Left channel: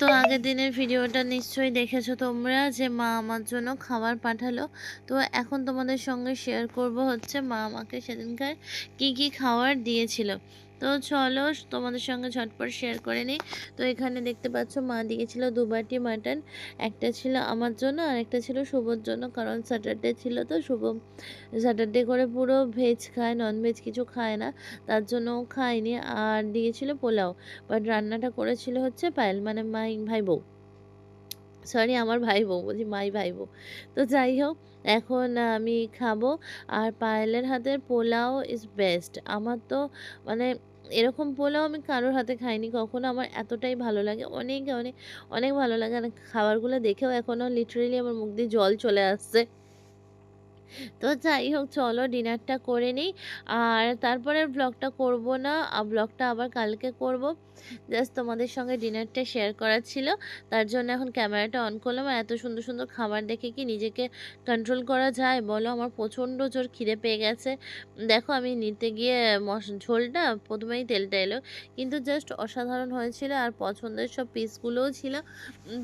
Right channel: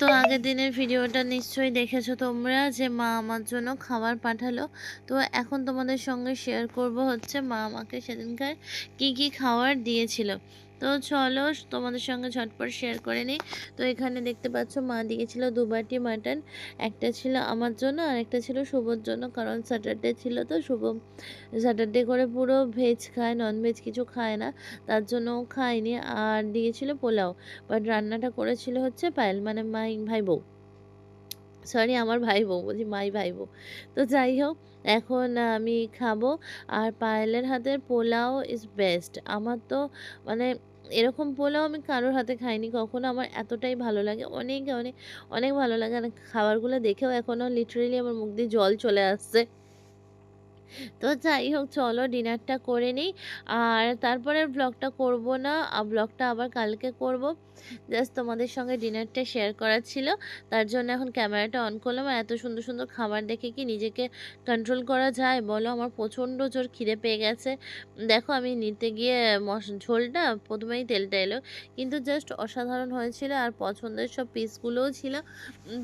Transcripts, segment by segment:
তো আগের দিনের ভিডিওটা নিশ্চয়ই দেখেছ তোমরা যে মা আমার জন্য খাবার পাঠালো। তো এখন তোমাদের সঙ্গে শেয়ার করব হচ্ছে মা আমাকে সেদিনকার কি কি খাবার দিয়েছিল। তো চলো তোমাদের সঙ্গে ঝটপট শেয়ার করে নিই। তো এখানে দেখতে পাচ্ছ, মা দিয়েছিল দুবাটি মাটন একটা ছিল আমার জন্য আর একটা ছিল শুভর জন্য, কারণ স্যাটারডে ছিল তো, শুভ স্যাটারডে করে পুরো ভেজ খায় নন ভেজ কিছু খায় না, তার জন্য খায়নি। আর দিয়েছিল পোলাও বাট রান্নাটা করেছিল হচ্ছে পায়েল মানে মাই, ভাই বউ। সরি আমার ভাই বউ, বলছি মাই ভাই বউ। তো যাই হোক, এখন আমি খাব, আর পায়েলের হাতের পোলাও ইজ বেস্ট আমার তো মানে এরকম পোলাও আমি কারোর হাতে খাইনি। কখনো আমার এতটাই ভালো লাগে। অনেক অনেক অনেক ভালো লাগে। খাবারগুলো দেখেও এখনও লিটারেলি আমার মুখ দিয়ে জল চলে আসছে। তো যাই হোক, চলো ডিনারটা করে নিই। আর তারপরে ব্লগটা করব না। ব্লগটা আবার কালকে করব। জাস্ট তোমাদের সঙ্গে ডিনারটা শেয়ার করার ছিল। তার জন্য এখন ক্যামেরাটা অন করলাম। আর এত সুন্দর সুন্দর খাবার দেখে কি নিজেকে কন্ট্রোল করা যায় বলো? আমার প্রচণ্ড জোর খিদে পেয়ে গেছে। দেখো, আমি নিতে গিয়ে মশ, ঝোলটা প্রথমেই তেলটা এলো। কিন্তু জাস্ট অসাধারণ হয়েছিল। আর পছন্দের সব পিসগুলোও ছিল।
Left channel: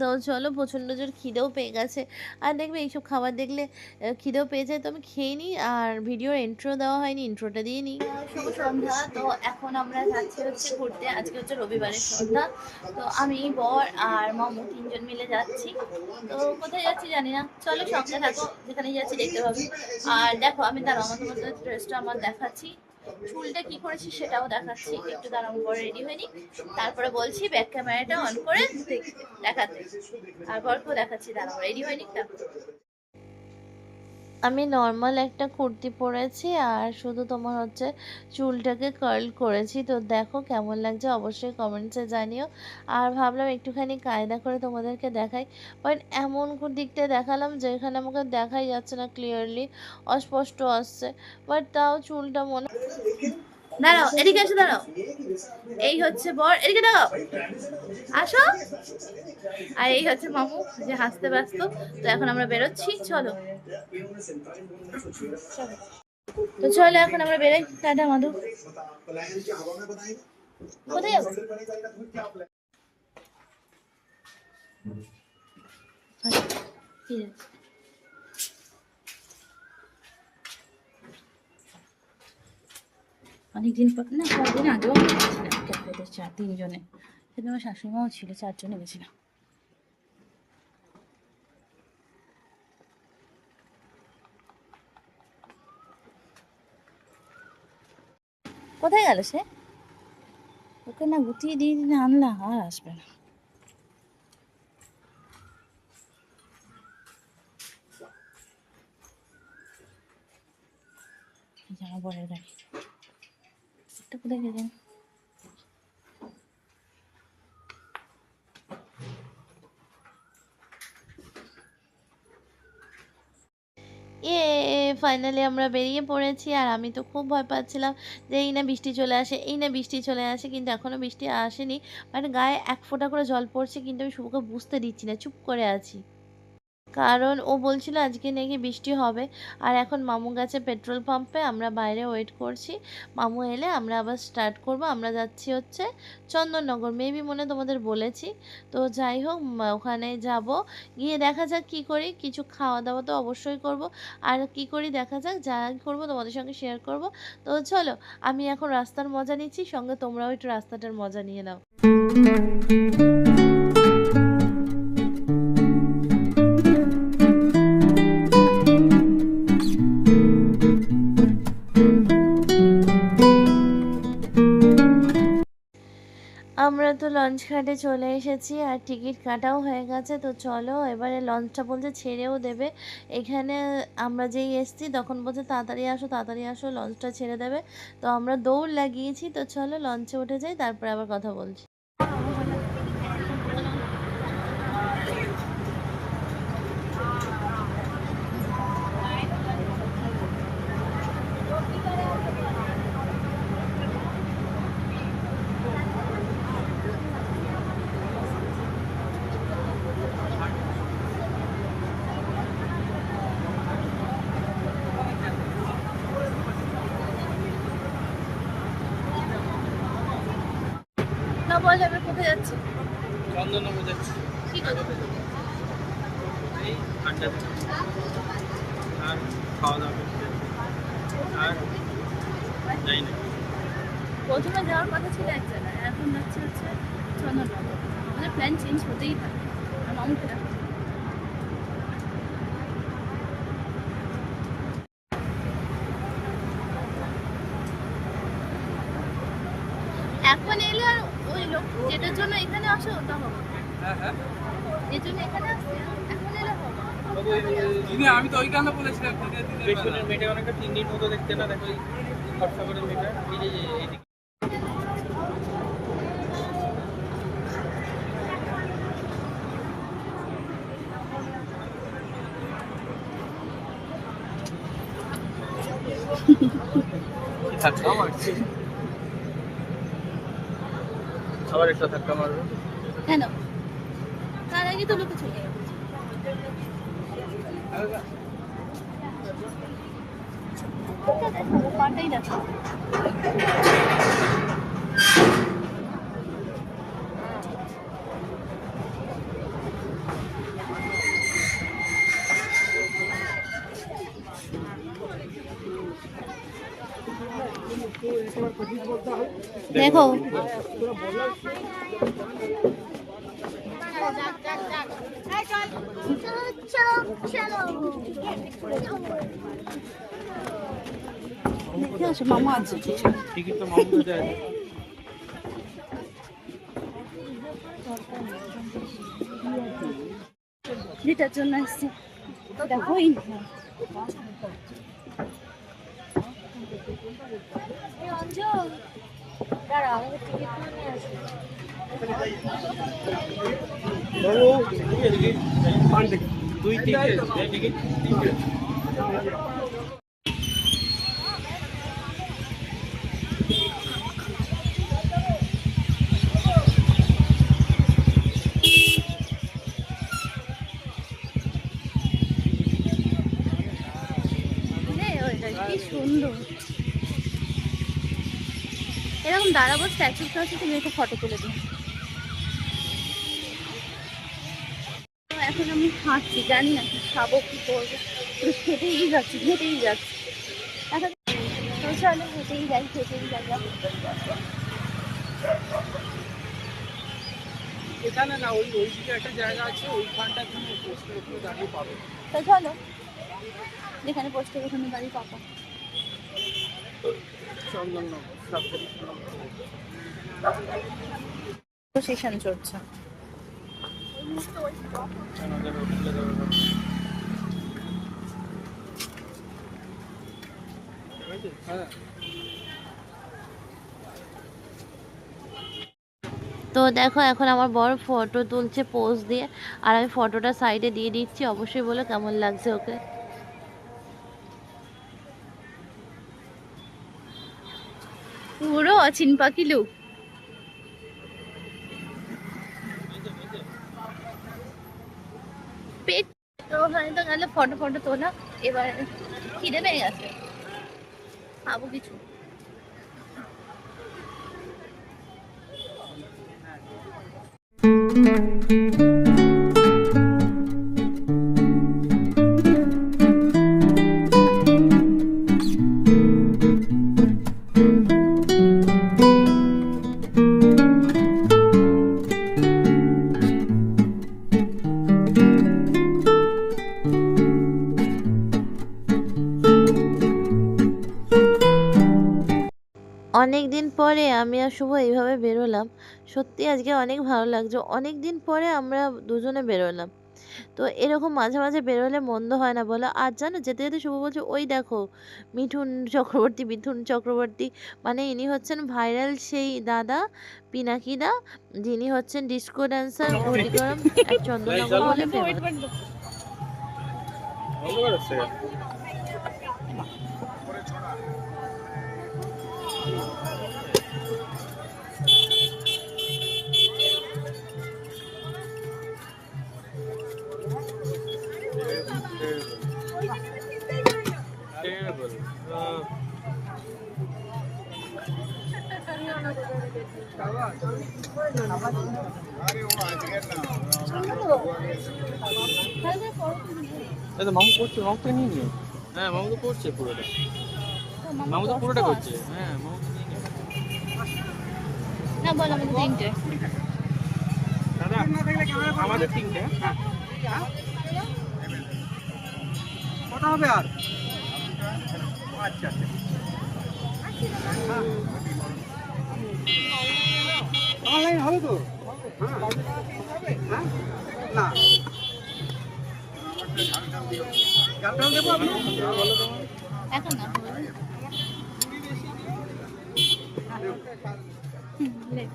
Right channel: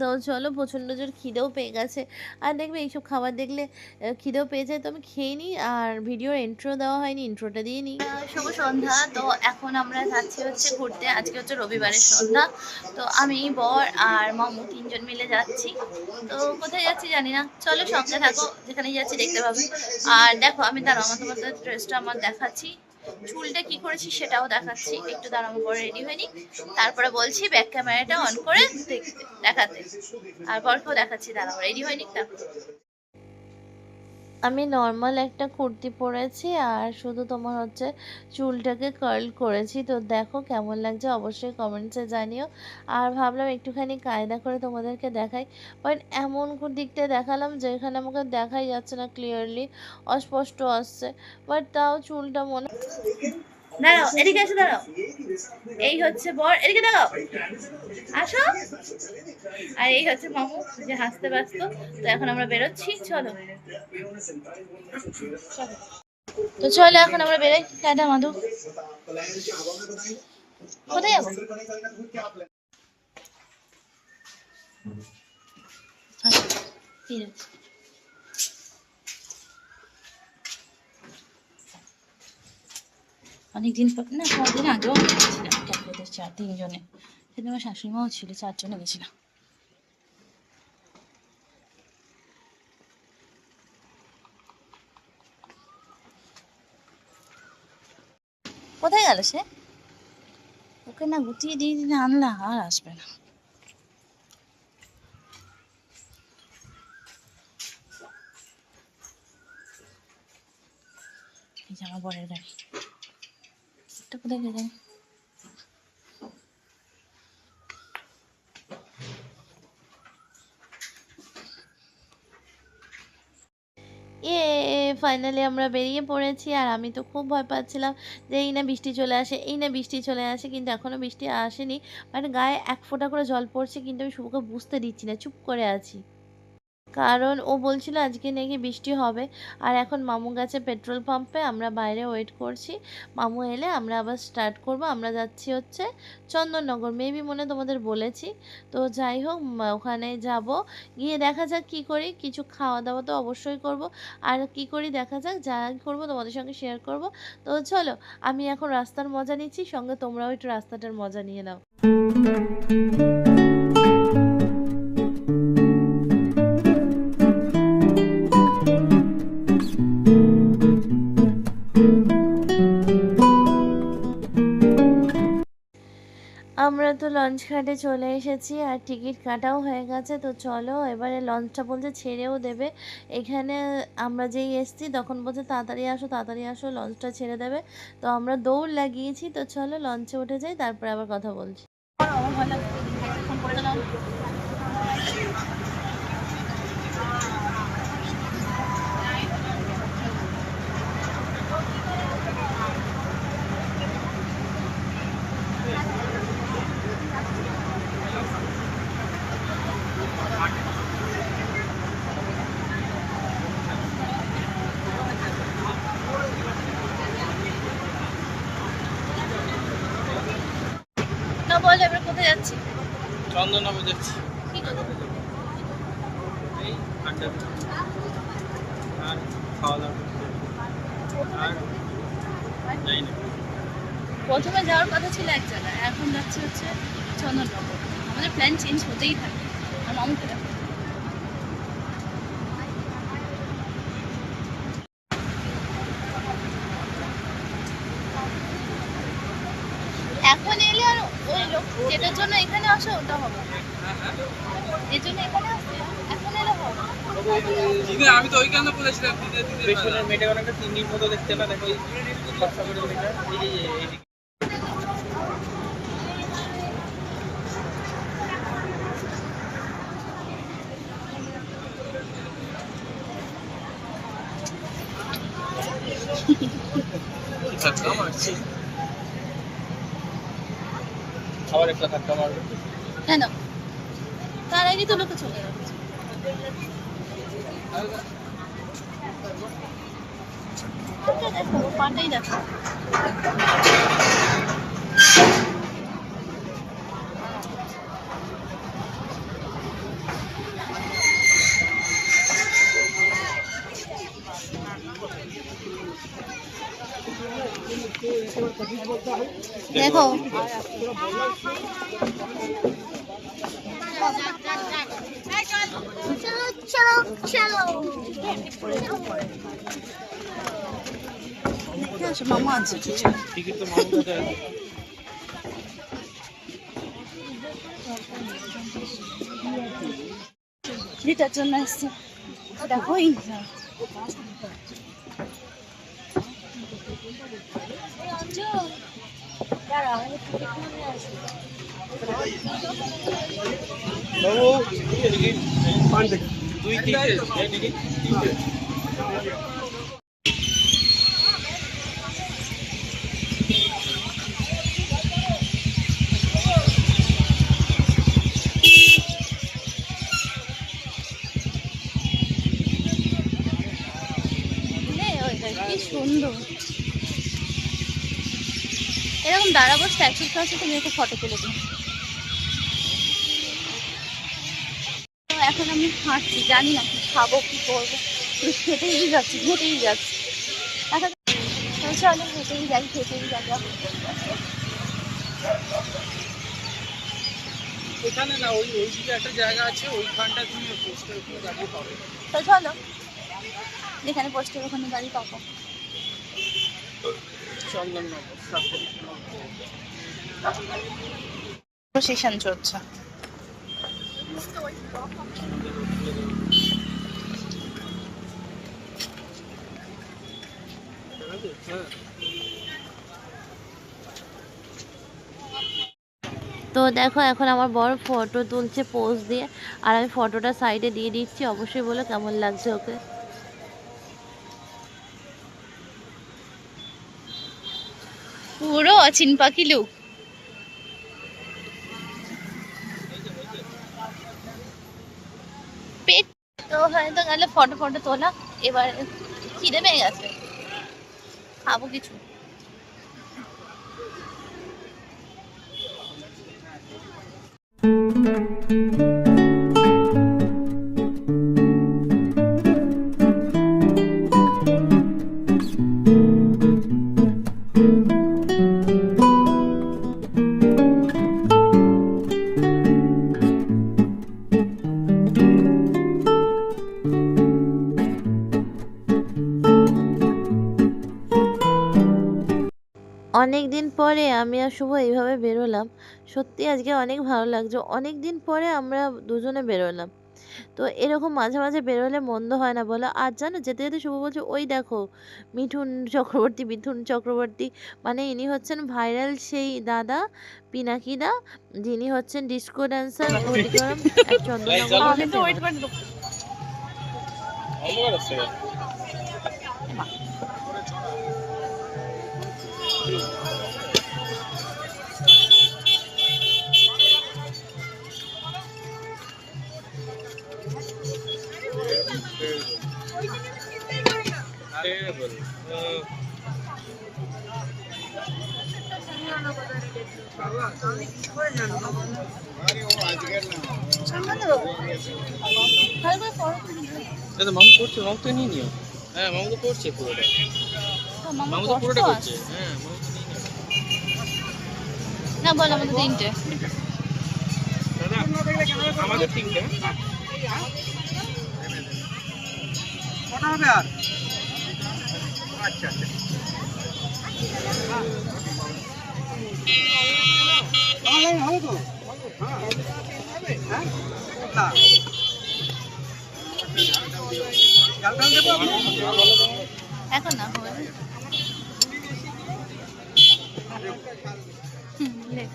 তো চলো, প্রচণ্ড জোর খিদেও পেয়ে গেছে। আর দেখবে, এইসব খাবার দেখলে খিদেও পেয়ে যায়। তো আমি খেয়ে নিই আর ভিডিওর ইন্ট্রো দেওয়া হয়নি ইন্ট্রোটা দিয়ে নিই শুভ সন্ধ্যা। তো এখন আমরা যাচ্ছি হচ্ছে ঘুরতে। আজকে হচ্ছে রবিবারের সন্ধ্যা। তো আমি, বর আর মামু তিনজন মিলে যাচ্ছি। তো কোথায় যাচ্ছি জানি না। চলো সঙ্গে থাকো, যেখানেই যাচ্ছি দেখতে পাবে। আর দেখো, আমি দাঁড়াও আমার তোমাদের ড্রেসটা আমার দেখাচ্ছি। চুলটা কি করেছি সেটাও দেখাচ্ছি। একটু দাঁড়াবো পরে রেডি হয়নি। তারপরে বলছি ব্যাক ক্যামেরাটা অন করে দেখতে, দেখাতে। আর বরকেও দেখাচ্ছি দাঁড়াও রেডি হয়নি? দেখো। আমি নর্মাল একটা কুর্তি পরেছি আর শুধু তোমার হচ্ছে চুলটাকে কার্ল করেছি। তো দেখো কেমন লাগছে অবশ্যই কমেন্টসে জানিও। আর ভাবলাম একটুখানি কায়দা করে তোমাদেরকে দেখাই। বাট এমন দিকটা দেখালাম যেখানে আমাকে দেখাই যাচ্ছে না ক্লিয়ারলি অস্পষ্ট আসছে। বাট তাও চুলটা মনে দাঁড়াও, এদিকে এসে, দাঁড়াও। এই হচ্ছে বর, এদিকে দাঁড়াও। আসো। আর এই হচ্ছে মামু, যে হাসতে ব্যস্ত। তো এখন আমরা বেরোচ্ছি, চলো। তো চলো, এখন আমরা বেরোই। টাটা, মাধু। কোথায় যাব? ঠিক আছে। অনেকদিন পর না কদিন আগেও গেছিলাম ক্যাফেতে চার তিনজনে। সেদিন আমার শাশুড়ি মাও ছিল, চারজনে গেছিলাম। কোথায় গেল সে? ওকে না গুটিয়ে দিয়ে দিলে আনলা আর আসবে না। আমার বরের গাড়ি। এটা কোথায় গেছে এ ফাইনালি আমরা বেরিয়ে পড়েছি আর আমি তো খুব ভয় পাচ্ছিলাম যে এই না বৃষ্টি চলে আসে, এই না বৃষ্টি চলে আসে, কিন্তু এখনও বৃষ্টি আসেনি। মানে গায়ে এক ফোঁটা করে জল পড়ছে, কিন্তু আমি শুভকে বুঝতে দিচ্ছি না, চুপ করে আছি। কারণ ও বলছিল আজকে নাকি বৃষ্টি হবে। আর এখন মামু গেছে পেট্রোল পাম্পে, আমরা বাইরে ওয়েট করছি। মামু এলে আমরা আবার স্টার্ট করব, আমরা যাচ্ছি হচ্ছে চন্দননগর। মেবি মনে তোমাদের বলেছি। তো যাই হোক ওখানে যাব। গিয়ে দেখা যাক কি করি, কিছু খাওয়া দাওয়া তো অবশ্যই করব। আর কি করি দেখা যাক, যা করব তোমাদের সঙ্গে শেয়ার করব। তো চলো, আমি এখন রাস্তার মজা নিচ্ছি, সঙ্গে তোমরাও একটু রাস্তাটার মজা নিয়ে নাও। আমরা তো লঞ্চ ঘাটে চলে এসেছি আর টিকিট কাটাও হয়ে গেছে, তো চলো এবারে লঞ্চটা বলছে ছেড়েও দেবে। এখানে আমরা যেই এসছি, তখন বলছে তাড়াতাড়ি আসো তাড়াতাড়ি আসো লঞ্চটা ছেড়ে দেবে। তো আমরা দৌড় লাগিয়েছি, তো চলো লঞ্চে উঠে যাই, তারপরে আবার কথা বলছি না বল এবার কোথায় যাচ্ছি চন্দননগর আর খাওয়া দাওয়া করতে। আর যাই না প্রথমে যাওয়ার কথা ছিল এক জায়গায়, এখন যাচ্ছে হচ্ছে চন্দননগর। আমাদের প্ল্যান চেঞ্জ হতেই থাকে। আর মামুকে দেখো এখন এলে আর ওই লোক যেটার জন্য এখানে আসো ওটা হবে। জন্য এখানে আসছে এখন এলে হবে। আমি তো ওইখানে বলেছিলাম পেছনের অনেকটা তিন দিন মতো দেখতে ওই ধাক্কা মারছে আবার একটা ধাক্কা মারবে কেন তার আগে তো লোকে চলে যাচ্ছে দেখাবো পাটাই দেখো। দেখো। দেখে আসো মামা আছে টিকিট তো জন্য এসছি দেখোই দুই তিনটে কি সুন্দর। এরকম দাঁড়াবো স্ট্যাচুর কাছে তুমি একটা ফটো তুলে দিন এখন আমি হাঁটছি জানি না কি খাব কি করব। খেতেই যাচ্ছি হেঁটেই যাচ্ছি। এখন চলো হেঁটেই যাই হেঁটেই যাই। এখানে না ওই ওই দিকে একটা জায়গা আছে ওইখানটা তুমি পোস্টের উপরে দাঁড়িয়ে পাবে। তো চলো। যেখানে পোস্টের ওখানে দাঁড়িয়ে পাবো। প্রসেশন চলছে। তো দেখো, এখন আমার বড় ফটো তুলছে পোজ দিয়ে, আর আমি ফটোটা সাইডে দিয়ে দিচ্ছি, অবশ্যই বলো কেমন লাগছে ওকে। অচিন পাখি লুক। পেট তো তো গেলে, ফটো ফটো তোলা, এবার খিদে পেয়ে গেছে। খাব কিছু। পরে আমি আর শুভ এইভাবে বেরোলাম। সত্যি আজকে অনেক ভালো লাগছে। অনেক দিন পরে আমরা দুজনে বেরোলাম। তো এরকম মাঝে মাঝে বেরোলে মন্দ হয় না বলো। আর জানো যেতে যেতে শুভ বলছে ওই দেখো মিঠুন চক্রবর্তী মিঠুন চক্রবর্তী। মানে ইনি হচ্ছেন ভাইরাল সেই দাদা পিনাকিদা যিনি হচ্ছেন ডিস্কো ড্যান্সার ঘটিগরম এক চন্দননগর দাদা মামু করছে মামু তো নিয়ে নিও। হ্যাঁ মামু তো করছে পুরোটা। মামা তো পুরোটা করছে। হ্যাঁ। না বল আমাদের তিনটে। আমাদের তিনটে। কটা হবে আর? আচ্ছা আচ্ছা। লাইন হ্যাঁ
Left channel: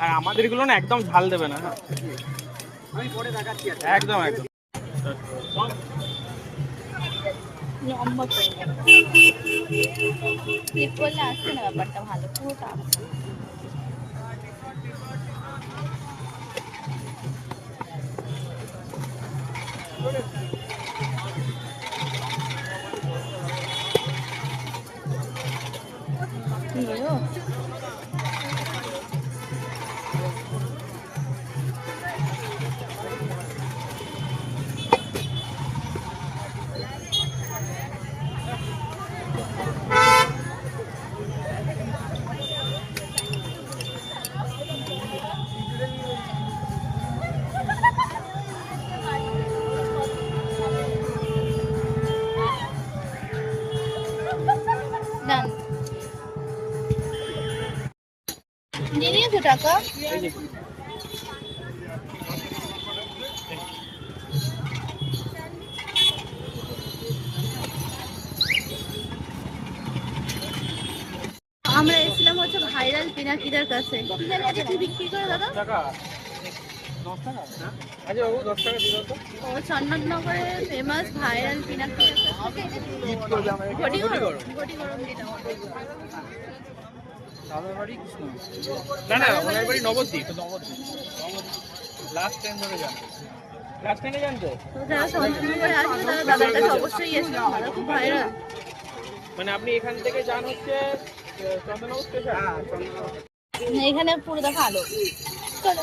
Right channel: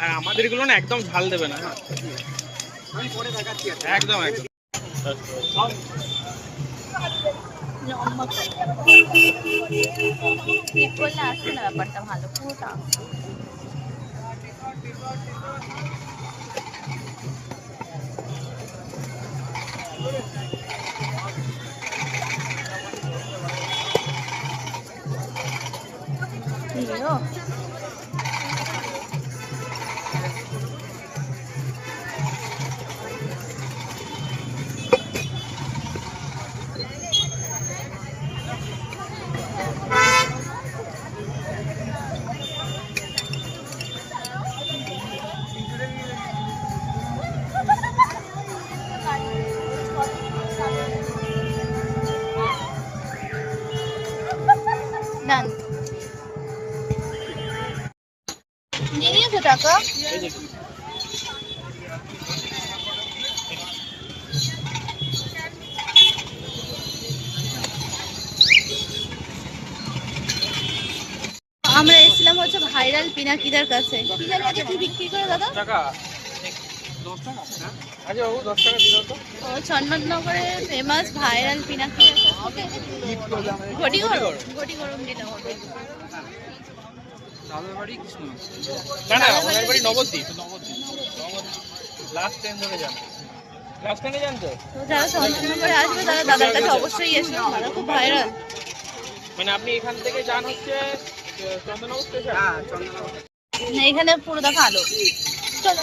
না আমাদের এগুলো না একদম ঝাল দেবে না হ্যাঁ। একদম একদম। লম্বা করে ঠিক করলে আসবে না ব্যাপারটা ভালো আমরা এসেছিলাম হচ্ছে ভাইরাল পিনাকিদার কাছে। কি জানি আজকে কি বিক্রি করে দাদা? টাকা। দশ আচ্ছা বাবু দশ টাকা দিল তো। ও চন্দননগরে ফেমাস ভাইরাল পিনাকি। ঘটি গরম ঘটি গরম যেটা দাদার বাড়ি কৃষ্ণ না না ওনার বাড়ি নবদ্বীপ। নবদ্বীপ লাস্ট টাইম ধরে যান। লাস্ট টাইমে তো? যারা চন্দননগরে আসবে তারা দাদার কাছে অবশ্যই দাদা খুব ভাইরাল মানে আপনি এখান থেকে যান হচ্ছে হ্যাঁ এখানে পুরো দেখা আলো। চলো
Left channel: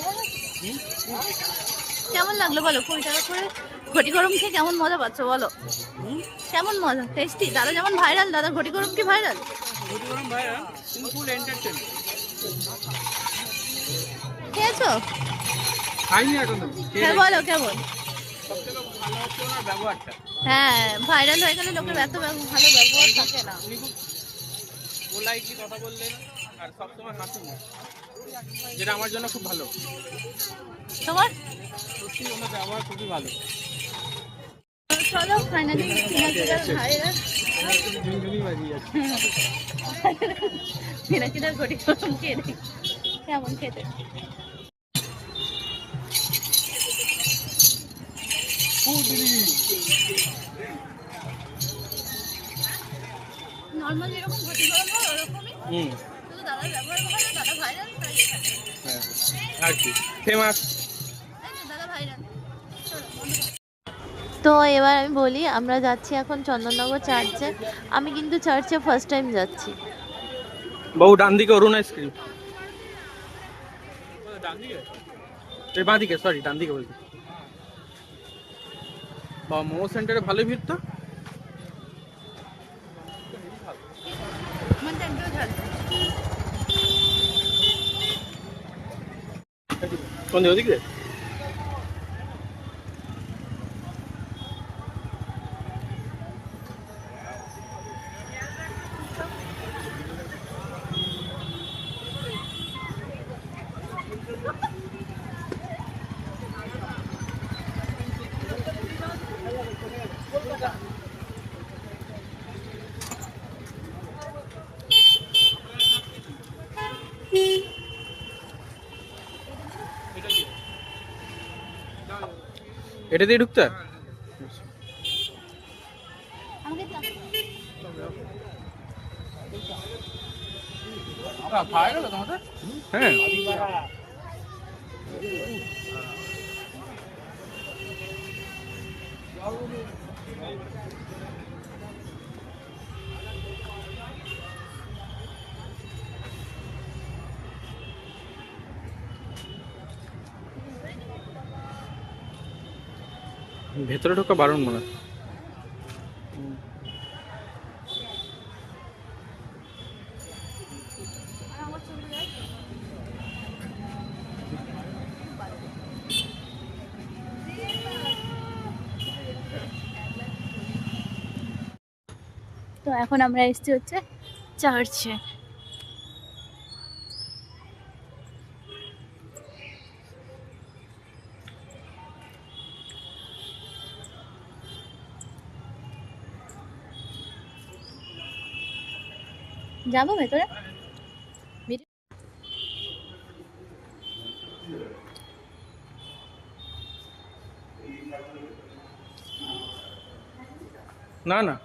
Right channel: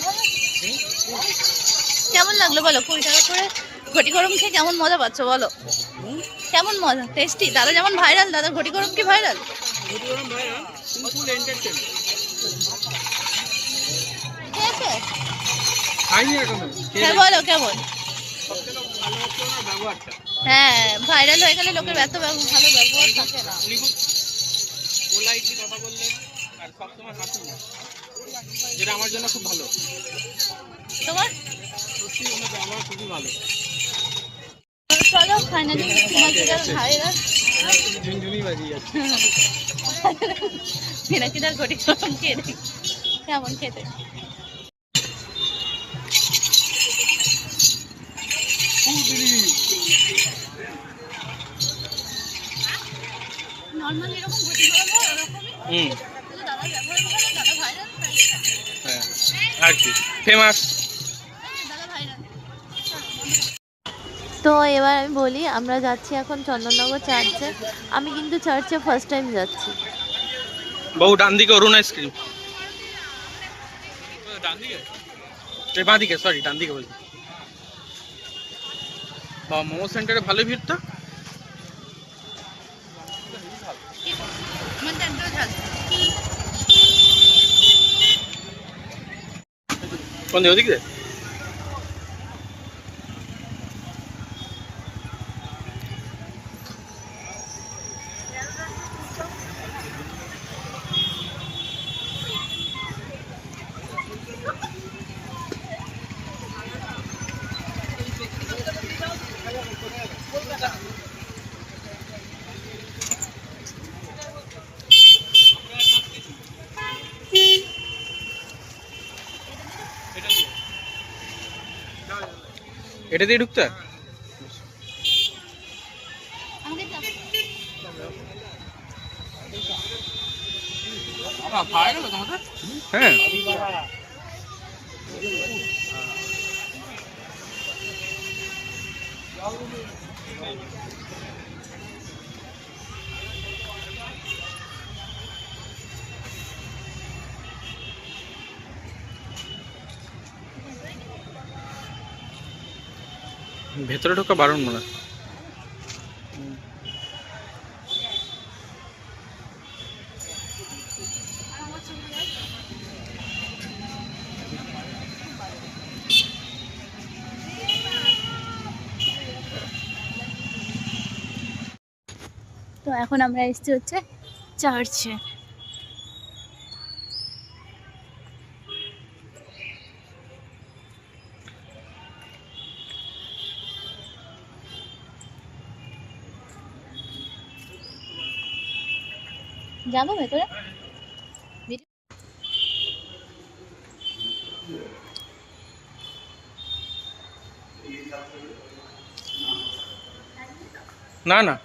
কেমন লাগল বলো? কুড়ি টাকা করে ঘটি গরম খেয়ে কেমন মজা পাচ্ছ বলো? কেমন মজা? টেস্টি দাদা যেমন ভাইরাল দাদা ঘটি গরম কি ভাইরাল খেয়েছো? হ্যাঁ বলো, কেমন? হ্যাঁ ভাইরাল হয়ে গেলে লোকের এত ভালো ব্যবহার থাকে না। পোলাইটলি কথা বললেন? আর সবসময় হাসি যেটা আমার জন্য খুব ভালো। তোমার? সত্যি ওনার ব্যবহার খুবই ভালো। চলো ফাইনালি পিনাকিদার ভাইরাল ঝুনঝুনি বাজিয়ে যাচ্ছে। পিনাকিদার ঘটি গরম খেয়ে দেখি। কেমন খেতে? নর্মাল এরকম ঘটি গরম ওরকমই। হুম। শুধু ব্যবহার ভালো দাদা ভাইরাল হ্যাঁ। আর কি ফেমাস দাদা ভাইরাল তো এবার আমি বলি আমরা যাচ্ছি এখন চন্দননগর চার্চে আমি কিন্তু চার্চে ফার্স্ট টাইম যাচ্ছি। বউ ডান দিকে অরুণ আইসক্রিম এই বাঁ দিকে সরি ডান দিকে বলছি। বাবা মোমো সেন্টারে ভালো ভিড় তো। কোন এটা দিয়ে ঢুকতে ভেতরে ঢোকা বারণ মনে। তো এখন আমরা এসেছি হচ্ছে চার্চে যাব ভেতরে? না না।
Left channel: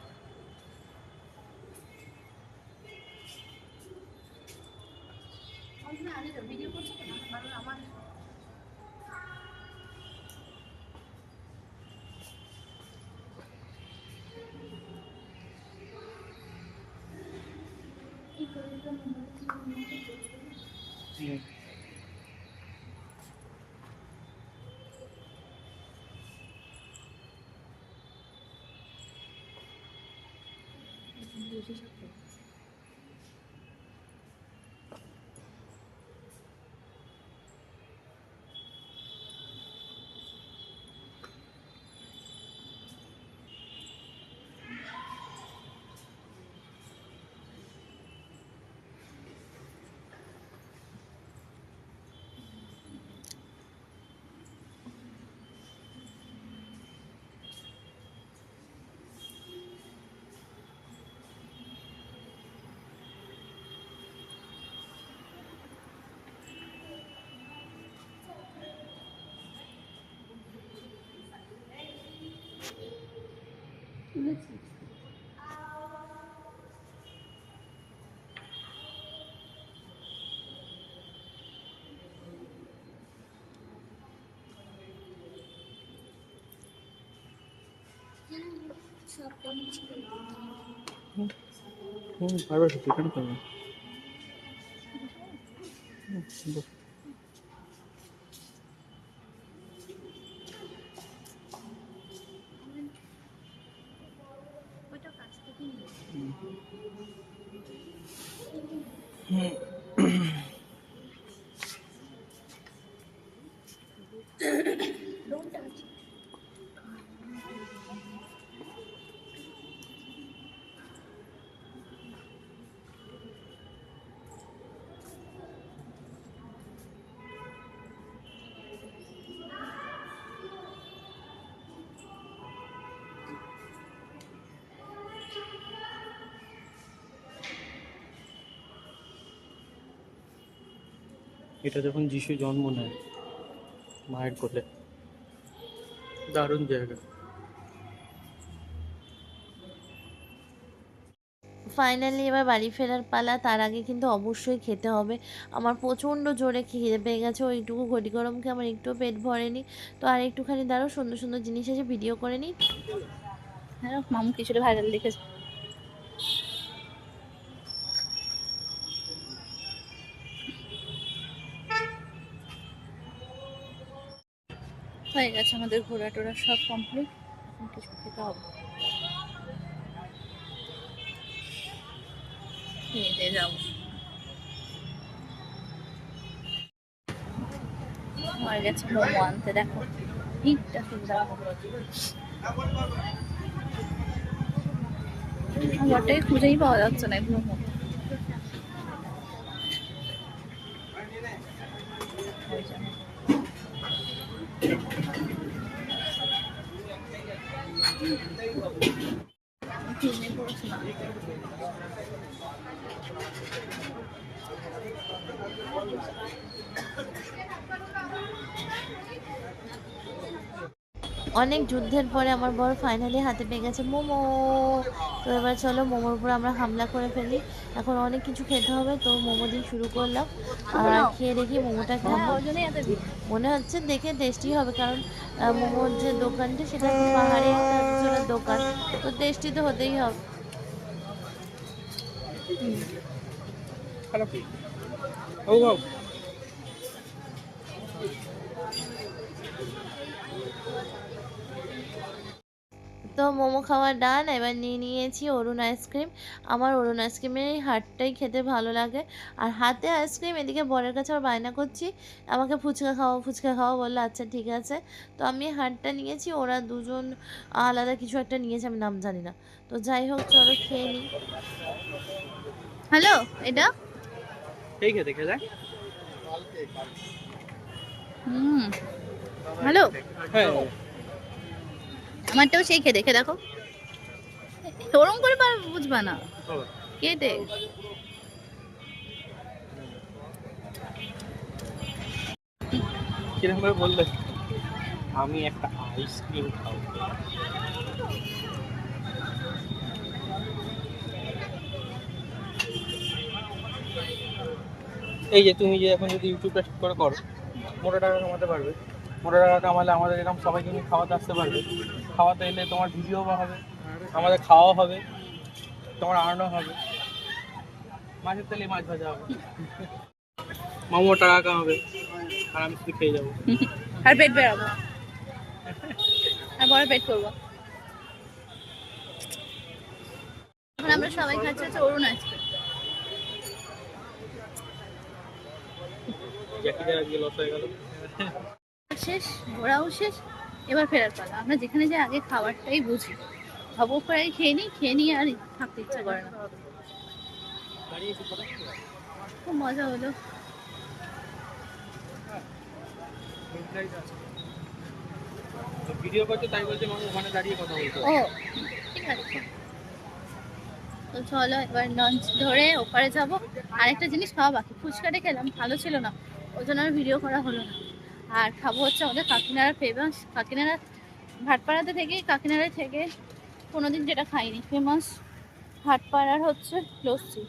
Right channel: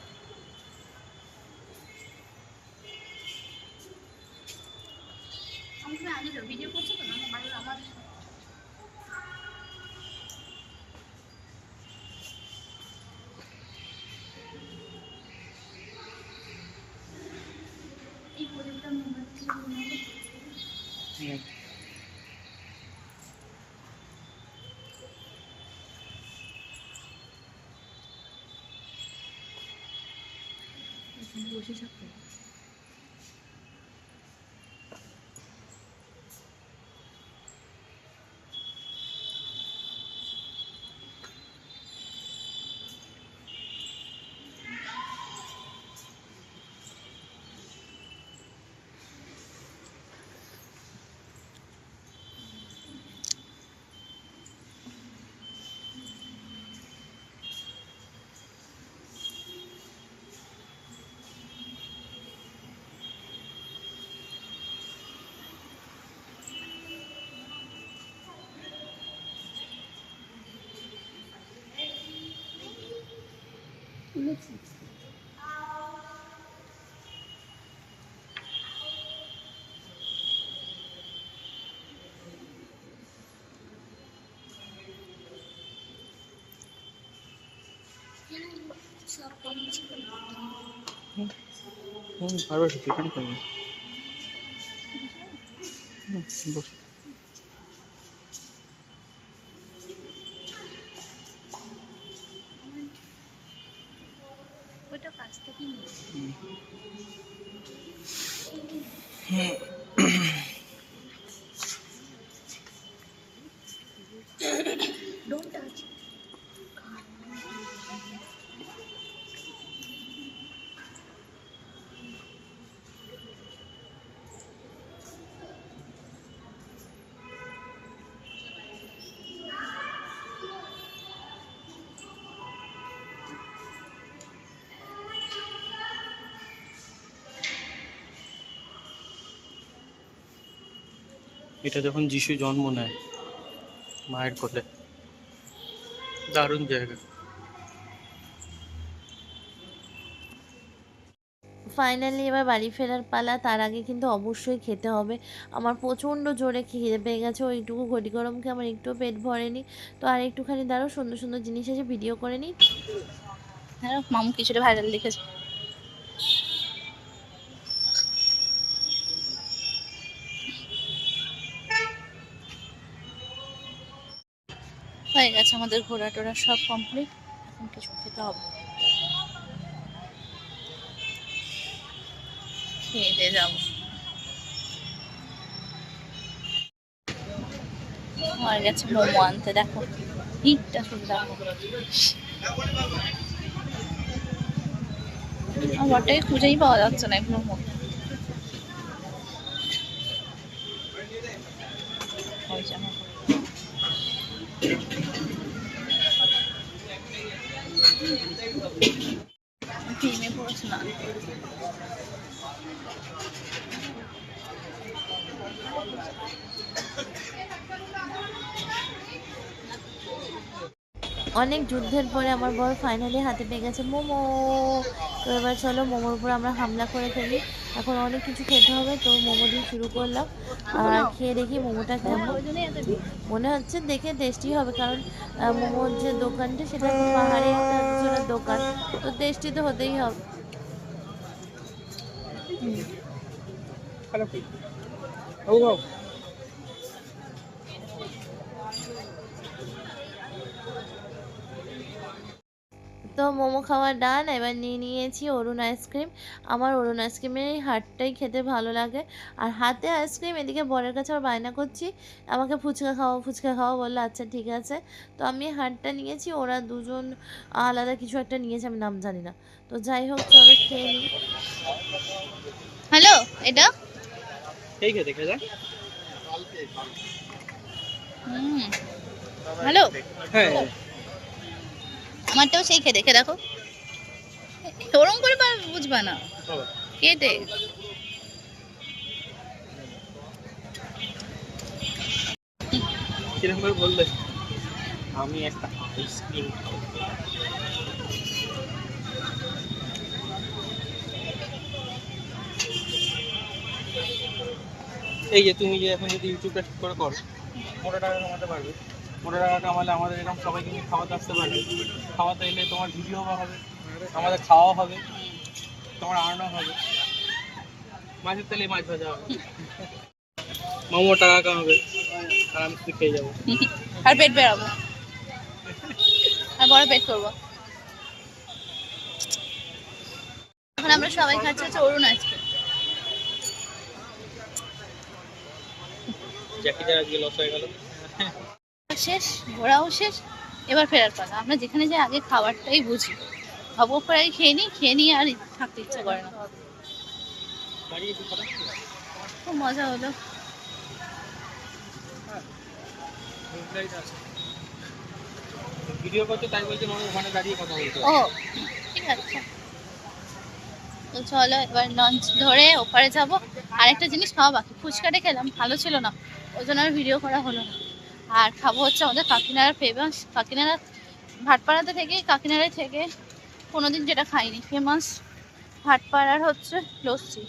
হুম পারবে তো চিকেন করবে হুম, বস। এটা যখন যিশু জন্ম নেয় মায়ের কোলে। দারুণ জায়গা। ফাইনালি এবার বাড়ি ফেরার পালা তার আগে কিন্তু অবশ্যই খেতে হবে। আমার প্রচণ্ড জোরে খিদে পেয়ে গেছে ওইটুকু ঘটি গরমকে আমার একটুও পেট ভরেনি। তো আর একটুখানি দাঁড়াও সুন্দর সুন্দর জিনিস আছে ভিডিও করে নিই হ্যাঁ মামু কিছুটা ভাইরাল লিখেছে হয়ে গেছে আমাদের ঘোরা টোরা সব কমপ্লিট এখন কিছু খেতে হবে। খেয়ে যাব। গেছে দেখো। আমার খুঁজেই পাওয়া যাচ্ছে না এগুলোর মধ্যে ওই যে আমার ঘর। ঘেমে পড়েছে না অনেক যুদ্ধের পরে আমার বর ফাইনালি হাতে পেয়ে গেছে মোমো। তো এবার চলো মোমোর উপর আমরা হামলা করে ফেলি। এখন অনেক কিছু খেতে হবে, তো মোমো দিয়ে শুরু করলাম। আর খেয়ে দেখি মোমোটা কেমন। মনে হচ্ছে দেখে টেস্টি হবে, কারণ মোমোর যে দোকানটা সেটা পাহাড়ে দোকান। তো টেস্টি তো হতেই হবে। খারাপ তো মোমো খাওয়া ডান এবার নিয়ে নিয়েছি অরুণ আইসক্রিম। আমার অরুণ আইসক্রিমের এই হাটটাই খেতে ভালো লাগে। আর হাতে আইসক্রিম এদিকে বরের কাছে আবার বায়না করছি। আমাকে ফুচকা খাওয়া ফুচকা খাওয়া বলল আচ্ছা ঠিক আছে। তো আমি হাটটা নিয়েছি ওরা দুজন আলাদা কিছু একটা নিয়েছে আমি নাম জানি না। তো যাই হোক চলো খেয়ে নিই। হ্যালো এটা? দেখে যায় হুম হ্যালো। হ্যাঁ। আমারটাও সেই খেয়ে দেখে। দেখো ওরম করে পার বুঝবা না। কেটে কীরকম করে বললে? আমি একটা আইসক্রিম খাব। এই যে তুমি যে এখন যদি ইউটিউবটা ঠিক করে করো মোটা টাকা কামাতে পারবে। মোটা টাকা কামালে আমাদের এরকম সবাইকে নিয়ে খাওয়াতে আসতে পারবে। খাওয়াতে এলে তোমার ভিডিও হবে আমাদের খাওয়াও হবে তোমার আর্নও হবে। মাছের তেলে মাছ ভাজা হবে। মামো টাকা কামাবে আর আমি শুধু খেয়ে যাব। আর পেট বেরাবো আর বড় পেট করব। এখন আমরা সবাই খাচ্ছি হচ্ছে অরুণ আইসক্রিম। জ্যাকিদের আজকে লস হয়ে গেল। শেষ ঘোরাও শেষ এবার ফেরার পালা। আমরা যেখানে যাই আগে খাবারটাই বুঝি। ভাবো প্রায় খেয়ে নিই খেয়ে নিই আর থাকতে ইচ্ছে করে না। খুব মজা হলো। ভিডিও করছে তাই বলছে মানুষ ওখানে দাঁড়িয়ে কথা বলছে। ও ঠিক আছে। তো চলো এবার লঞ্চ ধরে ওপারে যাব। আরেকটা জিনিস খাওয়া বাকি। ফুচকাটা খেলাম ভালো ছিল না। ওই জন্য আর ভিডিও করা হলো না। আর খাব হচ্ছে আমাদের কাকিনাড়া ফেমাস কাকিনাড়া ভাটপাড়াতে থেকে কাকিনাড়ায় থেকে কোনোদিন যেটা খাইনি ফেমাস ভাটপাড়ার হচ্ছে লস্যি।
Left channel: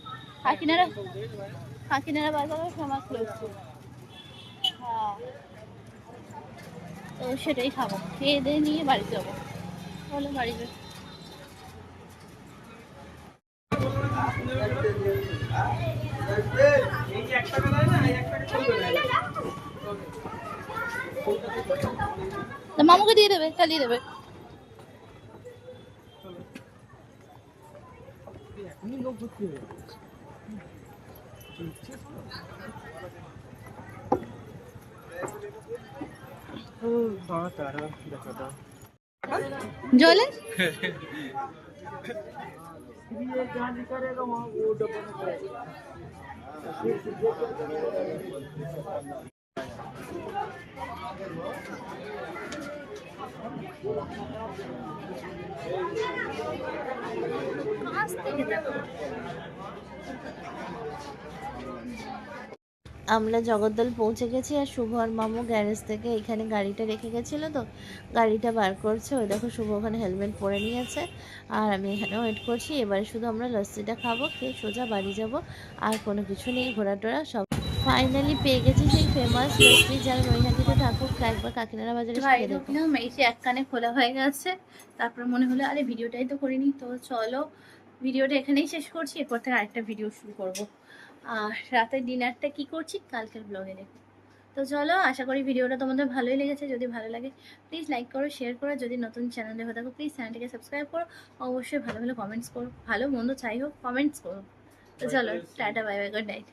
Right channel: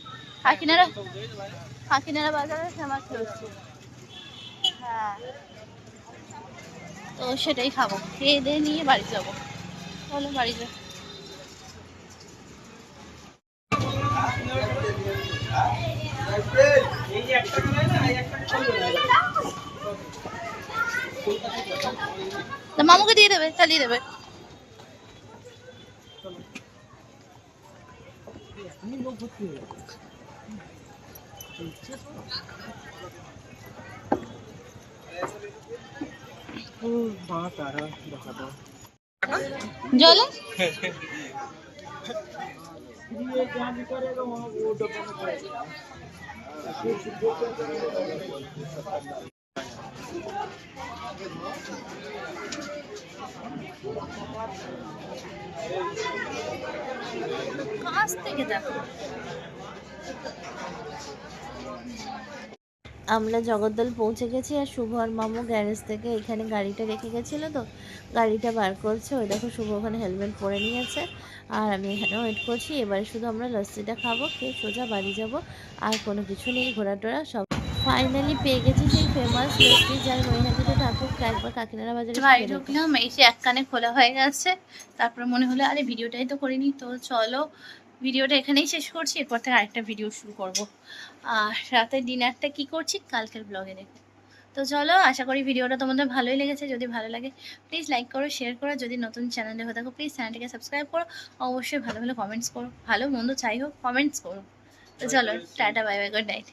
কাকিনাড়া কাকিনাড়া বাজারের ফেমাস লস্যি। হ্যাঁ। তো সেটাই খাব, খেয়ে দিয়ে নিয়ে বাড়ি যাব। বলো বাড়ি যাব মামুকে দিয়ে দেবে চালিয়ে দেবে মা তারা দেখা দাও জলে আমরা জগদ্দল পৌঁছে গেছি আর শুভ আর মামু গ্যারেজ থেকে এখানে গাড়িটা রেখে গেছিল তো। গাড়িটা বার করছে, ওই দেখো শুভ ওখানে হেলমেট পরে নিয়েছে। আর আমি এখানে ওয়েট করছি, এবারে শুধু আমরা লস্যিটা খাব, খেয়ে সোজা বাড়ি যাব। আর কোনো কিছু নেই ঘোরা টোরা সব ফাইনালি পেয়ে গেছি সেই ফেমাস লস্যি যারা নৈহাটিতে থাকুক একবার কাকিনাড়া বাজারে এসে বাড়ি ঢুকলাম এই যে এক কানে খোলা হয়ে গেছে। তারপরে মনে হলো আরে ভিডিওটাই তো করিনি তো চলো ভিডিওটা এখানেই শেষ করছি এরপর থেকে আরেকটা ভিডিও শুরু করব। আর রাতের ডিনারটা কি করছি কালকের ব্লগে দেখো তো চলো আশা করি ভিডিওটা তোমাদের ভালোই লেগেছে। যদি ভালো লাগে প্লিজ লাইক করো শেয়ার করো। যদি নতুন চ্যানেলে হয়ে থাকো প্লিজ চ্যানেলটিকে সাবস্ক্রাইব করো। অবশ্যই ভালো ভালো কমেন্টস করো ভালো মন্দ চাই হোক কমেন্টস করো। তো চলো tata bye bye good night